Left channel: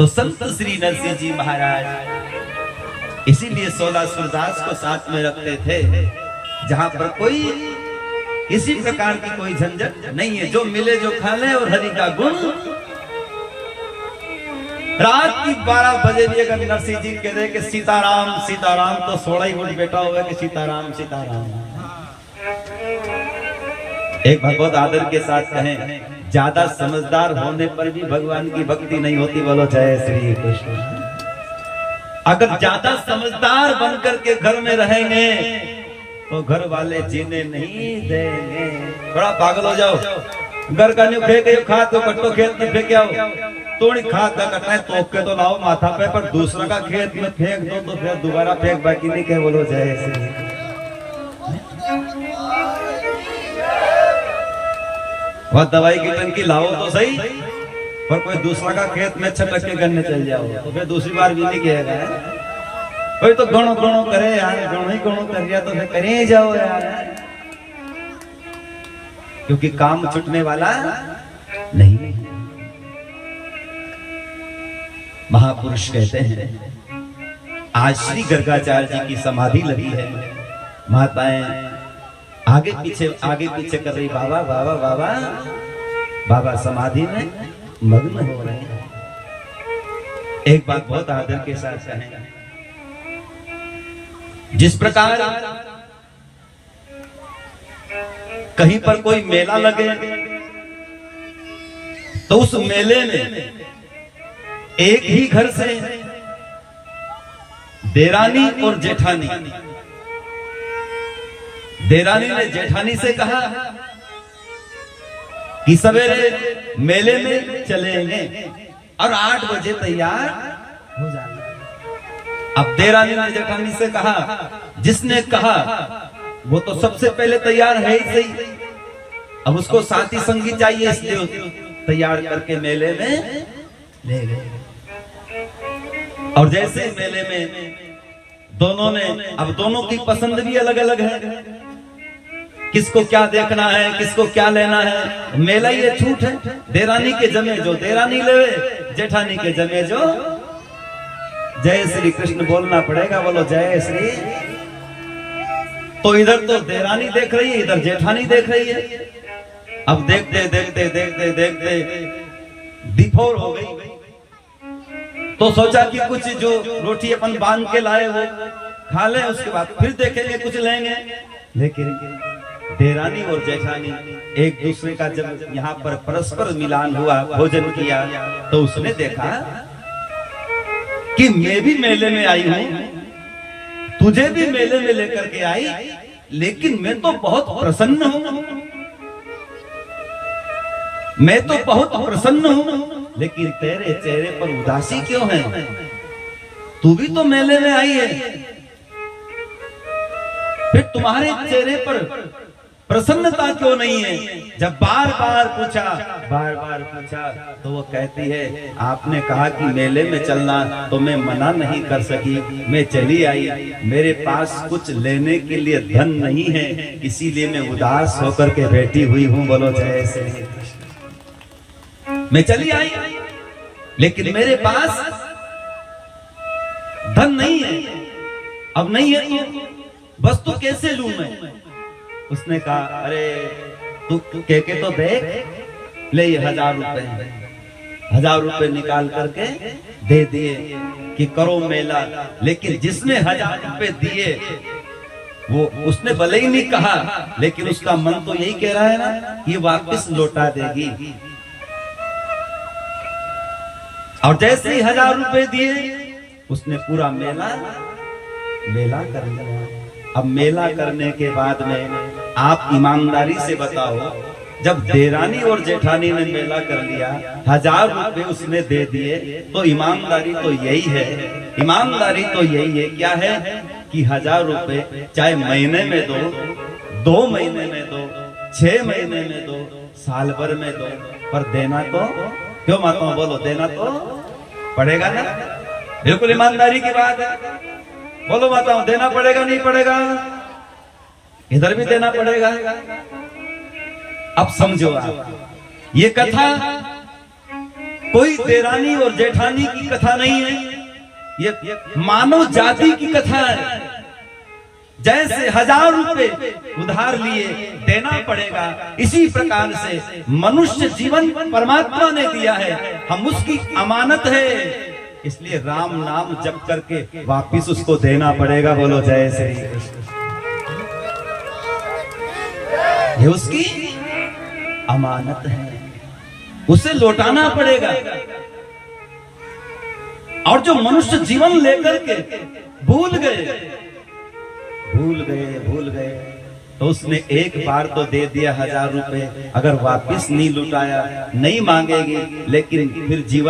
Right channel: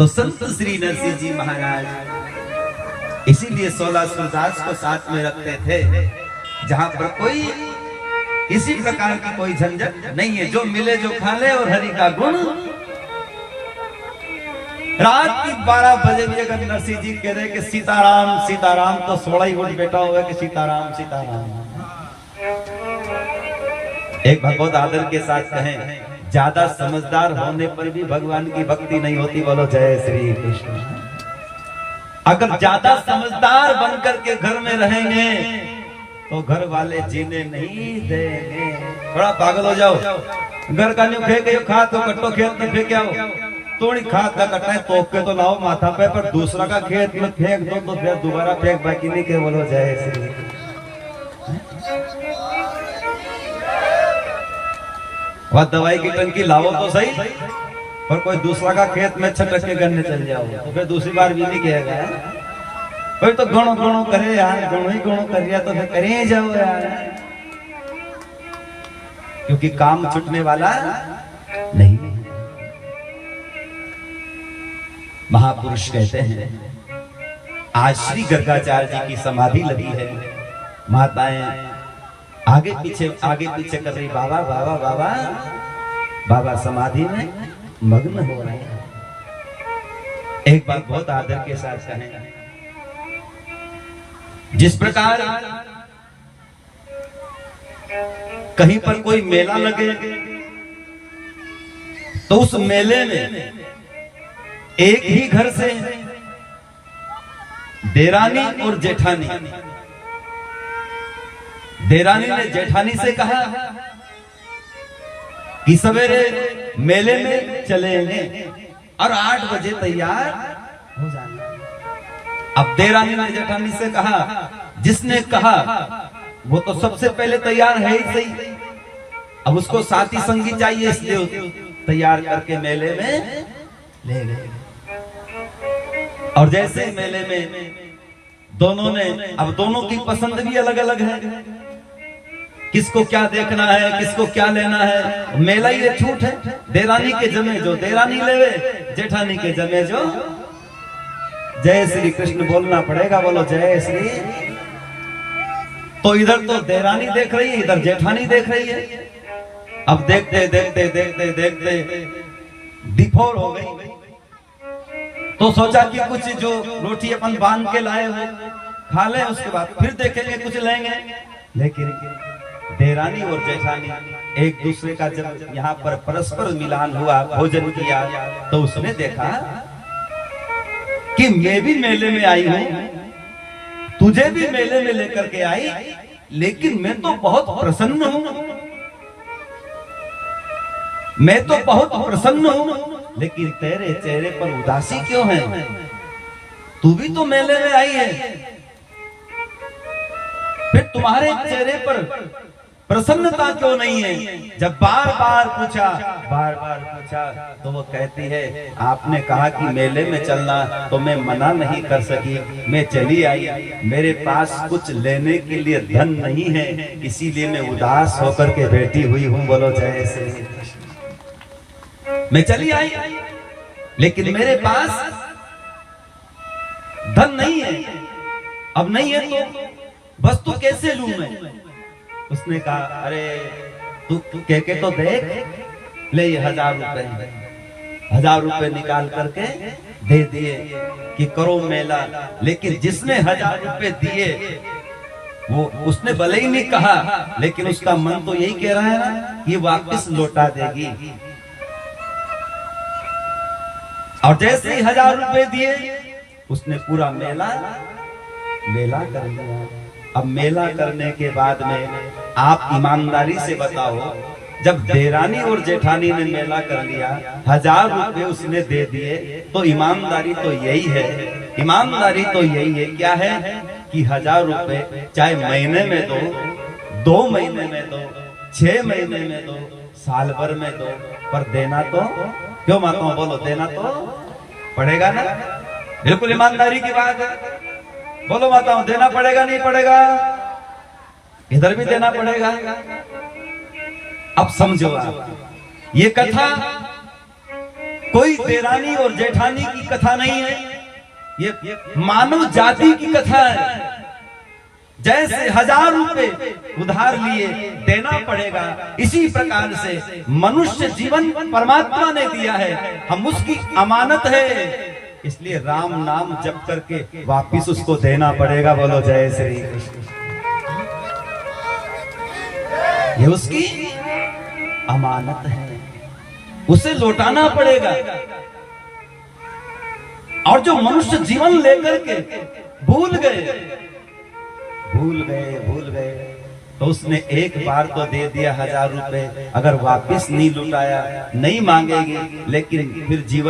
तो संत श्री नरसिंह जी महाराज इसीलिए 16 सूरदास को साथ में रखते थे, जहां पर कोई किसी प्रकार की कोई झंझट नहीं है, जो मिले जो खा ले और हरि का गुण। रात की 12 बजे भी अगर नरसिंह जी कह रहे कि सीताराम सीताराम, तो 16 ही मिनट बैठा हुआ कि सीताराम सीताराम। एक भगवत आदर के साथ कहें, ज्यादा समझदार होने पर भी भगवान की भक्ति नहीं होती। बोलो जय श्री कृष्ण। अगर ज्यादा समझदार बनकर के घर में रहेंगे तो घर वाले जीने नहीं देंगे। थोड़ा पागल हो जाओ, घर का न्यू फेंक खा तो कट्टो खेत में फेंक आओ, थोड़ी खाद का कट्टा है तो के तो लाओ माथा पे, पर दूसरा का खेत में फेंक दो तो फिर दोबारा फेंक बाकी नहीं कहे। बोलो जय श्री। वह दवाई की टंकी लाओ तो सही, पर कोई दूसरा का खेत में छटक के गन्ने चल जाओ तो फिर दूसरी बार भी नहीं कहेगा। कोई तो गणो गणो करे यार, गणो ही गणो कर दिया तो फिर करे जाओ यार, क्योंकि काम छूटने वाला नहीं। महापुरुष कहते हैं, आज श्री गर्गाचार्य जी की समाधि लगी है, माताएं आगे पीछे कर रही, बाबा बाबा बाबा बाबा समाधि में मग्न हो रहे हैं। एक बात बहुत आदर के साथ कहें, जिस प्रकार कहीं पर कोई मेला लगे तो उस मेले में एक ही घर से देरानी और जेठानी, देरानी ने जेठानी से कहा कि सवेरे मेले में चलेंगे और 8 बजे तैयार हो जाना। अब देरानी ने जेठानी से कहा, जिसने कहा वो तो सबसे पहले तैयार है ही सही, अब उसको साथी संगी चाहिए, इसलिए तैयार करके मेले में ले गए। और जैसे मेले में दोनों ने, अब दोनों की पसंद भी अलग अलग है, किसको क्या देखना है, किसको क्या लेना है। मेला ये छूट है, देरानी के जमे जो देरानी लेवे, जेठानी के जमे जो। जय श्री कृष्ण बोलना पड़ेगा। बोलो जय श्री। तो इधर तो देरानी देख रही है, इधर जेठानी देख रही है। अब देखते देखते देखते देखते दिफोर हो गई, तो सोचा कि कुछ जो रोटी अपन बांध के लाए हो खा लें, उसके बाद फिर देखेंगे कुछ लेंगे। लेकिन देरानी और जेठानी एक दूसरे का जब यहाँ पर परस्पर मिलान हुआ, भोजन किया, तो उसने देखा कि मैं भी मेले में आई हूं, तुझे भी मेले में लेकर के आई, लेकिन मैं तो बहुत प्रसन्न हूं, मैं तो बहुत प्रसन्न हूं, लेकिन तेरे चेहरे पर उदासी क्यों है? तू भी तो मेले में आई है, फिर तुम्हारे चेहरे पर प्रसन्नता क्यों नहीं है? जब बार बार पूछा तो वो कहती है, आपने कहा कि मेले में चलना, तो मैं मना नहीं कर सकी, मैं चली आई। मेरे पास कुछ लेने के लिए धन नहीं है, इसीलिए मैं उदास होकर के बैठी हुई हूँ। बोलो जय श्री कृष्ण। मैं चली आई, लेकिन मेरे पास धन नहीं है। अब नहीं है तो वस्तु कैसे लूं मैं? उसने कहा, अरे तू कह के तो देख, ले ये 1000 रुपए। 1000 रुपए निकाल करके दे दिए कि करो मेला। लेकिन जिसने 1000 रुपए दिए, वो उसने भले ही नहीं कहा, लेकिन उसका मन तो यही कह रहा है ना कि वापस लौटा देगी। और जैसे ही 1000 रुपए दिए, उसने पूरा मेला कर लिया। अब मेला करने के बाद में आप ईमानदारी से बताओ, जब देरानी और जेठानी ने मेला कर लिया, 1000 रुपए उसने दे दिए, तो ईमानदारी तो यही है, ईमानदारी तो यही है, क्या है कि 1000 रुपए चाहे महीने में दो, 2 महीने में दो, 6 महीने में दो, साल भर में दो, पर देना तो, क्यों माताओं बोलो, देना तो पड़ेगा ना। बिल्कुल ईमानदारी की बात है। बोलो माताओं, देना पड़ेगा नहीं पड़ेगा? इधर भी देना पड़ेगा। अब समझो आप, ये कथा कोई देरानी और जेठानी की कथा नहीं है, ये मानव जाति की कथा है। जैसे 1000 रुपए उधार लिए देना पड़ेगा, इसी प्रकार से मनुष्य जीवन परमात्मा ने दिया है, हम उसकी अमानत है, इसलिए राम नाम जप करके वापिस उसको देना पड़ेगा। बोलो जय श्री कृष्ण। ये उसकी अमानत है, उसे लौटाना पड़ेगा। और जो मनुष्य जीवन लेकर के भूल गए तो उसने एक बार तो दे दिया 1000 रुपए, अगर वापिस नहीं लुटाया, नहीं मांगेगी, लेकिन फिर जीवन